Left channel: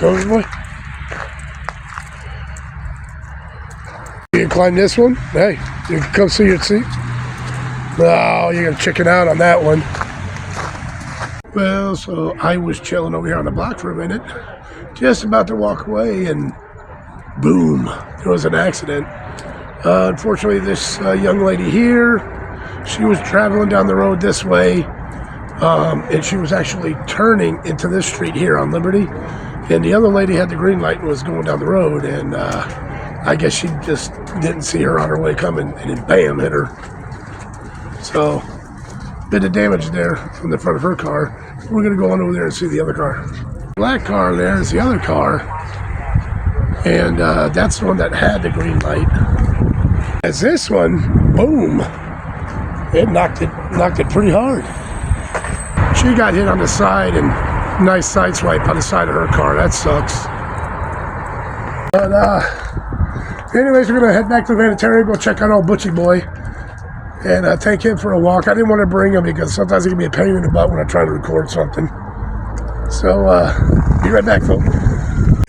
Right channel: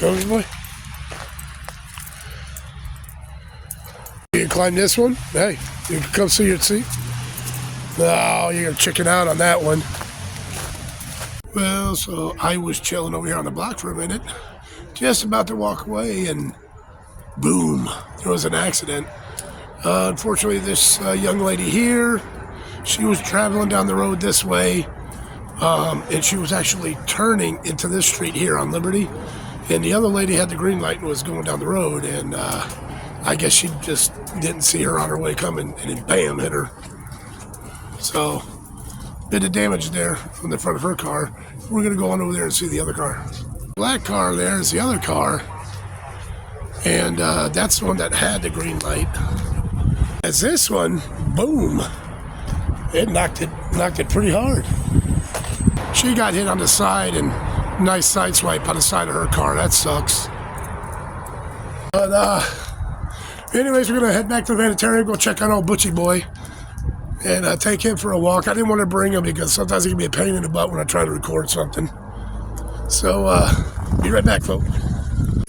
Go, boy. You can climb this one. Hey, you can come see your seat. Oh, you're gonna chicken out on that one. Well, so I was chilling over here on the block for a minute, just about to walk away, and boom, there was an accident. Unfortunately, this young lady here, she was traveling down the road this way, and she was actually turning into this street here on Liberty, and the other lady had the green light and was going down the road, and I guess she just didn't see her on her way coming, and then bam, hit her. So, bit of damage there from the front of her car. We're gonna go on over there and see the other car. Black car there is the other car, and that's the one that had the green light. As this one, boom, it knocked it pretty hard. She got hit on the side, and nice side swipe on the side of her car. That sucks. But anyways, we're gonna head back to the Vanlife, go check on old Butchie boy, and take him for a walk. I didn't want to bring him because sometimes it can be a pain in the butt when I try to record something. So, be right back, folks.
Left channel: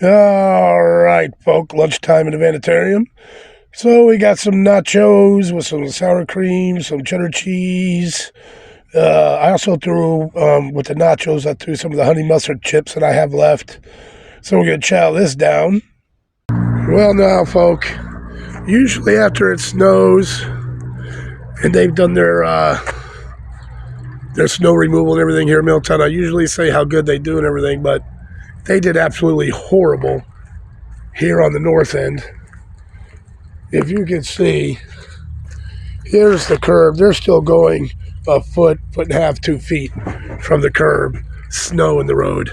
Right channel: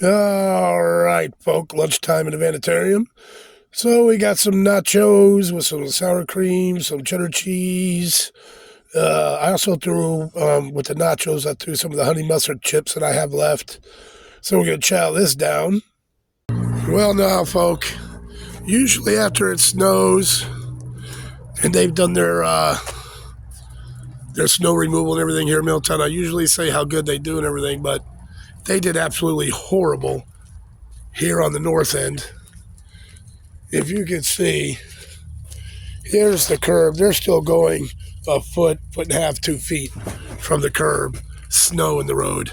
All right, folk, lunchtime in the Vanlife. So we got some nachos with some sour cream, some cheddar cheese. I also threw, with the nachos, I threw some of the honey mustard chips that I have left. So we're going to chow this down. Well, now, folk, usually after it snows and they've done their snow removal and everything here in Middletown, I usually say how good they do and everything, but they did absolutely horrible here on the north end. If you can see, here's the curb. They're still going a foot and a half, 2 feet from the curb, snow in the road.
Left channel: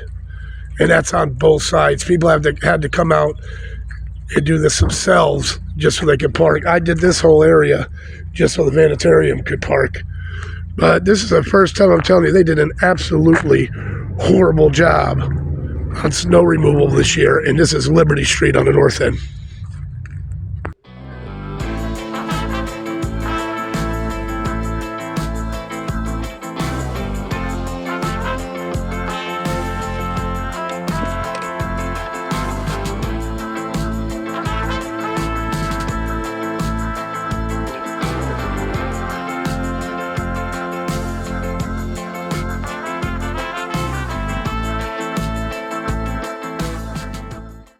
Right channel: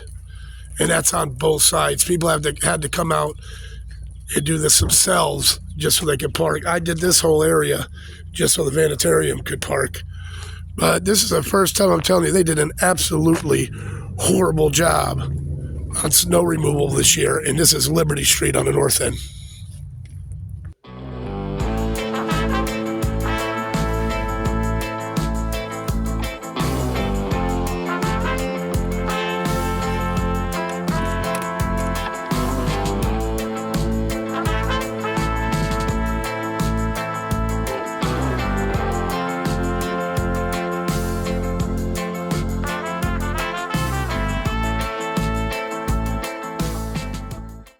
And that's on both sides. People had to come out and do this themselves just so they could park. I did this whole area just so the Vanlife could park. But this is the first time I'm telling you, they did an absolutely horrible job on snow removal this year. And this is Liberty Street on the north end.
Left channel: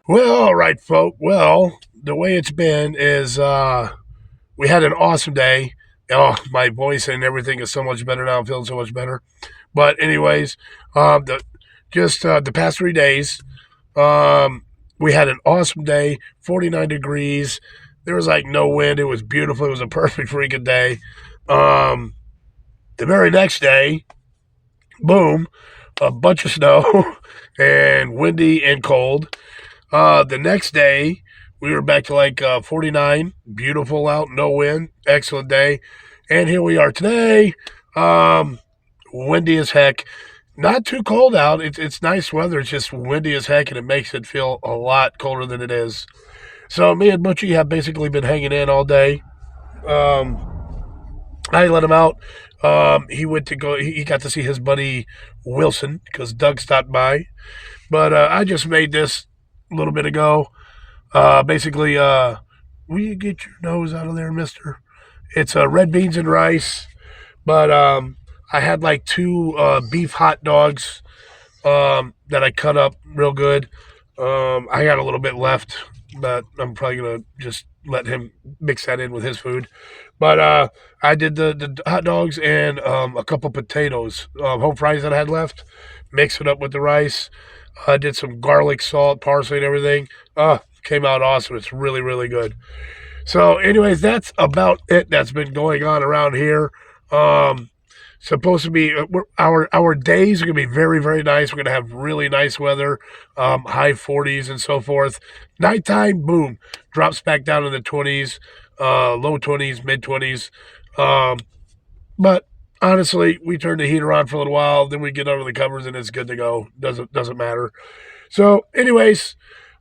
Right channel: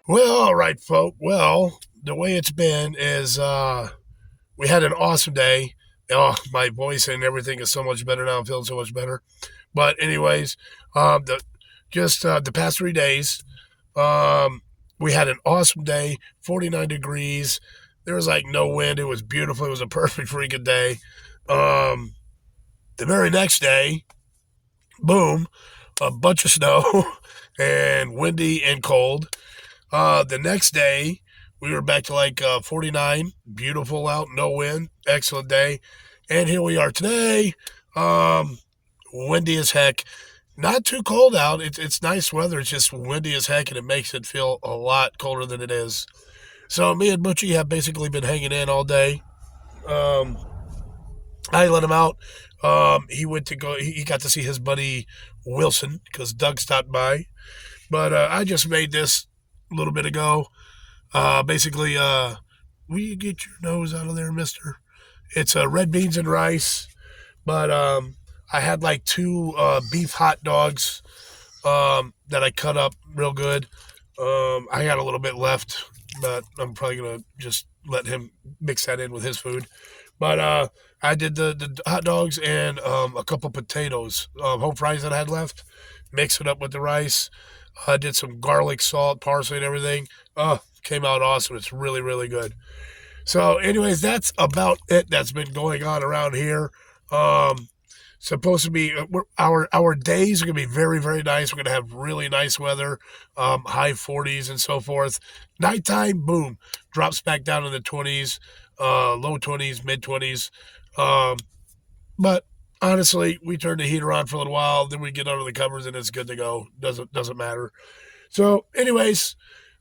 Well, all right, folk. Well, the way it's been is we had an awesome day. Oh, my voice and everything is so much better now. I'm feeling so much better. But anyways, the past 3 days, we had an awesome day, 49 degrees. There was like no wind. It was beautiful. It was a perfect freaking day. The very next day, boom, a bunch of snow and windy and cold. The next day, we were back to like 49, beautiful out, no wind, excellent day. And here we are today, windy as heck. Not too cold out. It's nice weather. It's just windy as heck, and it makes it feel a lot colder than it is. So me and Butchie have basically been hanging in all day. I let him out. He got to see his buddy Wilson because Doug stopped by. But I just made this a little bit ago. Basically, will you get your nose out of there, mister? It's red beans and rice. But I had like 2 beef hot dogs that I cut up real good. I got a little bit left, but I'm probably going to just let him mix that in with his food. But I did the hot dogs and a couple potatoes, whole fries that I had left, mix it up with the rice. I did some garlic, salt, parsley, and everything. Came out awesome. It's really, really good. So anyways, that's about it that's been going on around here. Supposed to be, our days are going to be very, very nice. We're going to have really nice weather, high 40s and so forth. Nighttime, boom, drops back down to the 20s, low 20s, mid 20s. But honestly, we turn the heater on for a little while, then we get under the covers and it's good to go. Doesn't matter. So anyways,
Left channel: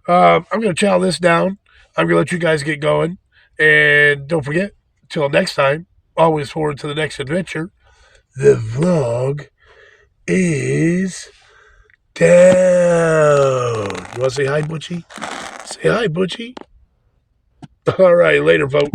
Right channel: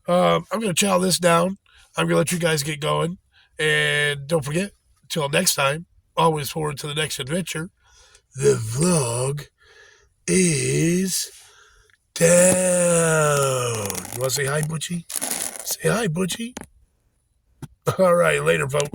I'm going to chow this down. I'm going to let you guys get going. And don't forget, till next time, always forward to the next adventure. The vlog is down. want to say hi, Butchie? Say hi, Butchie. All right, later, folks.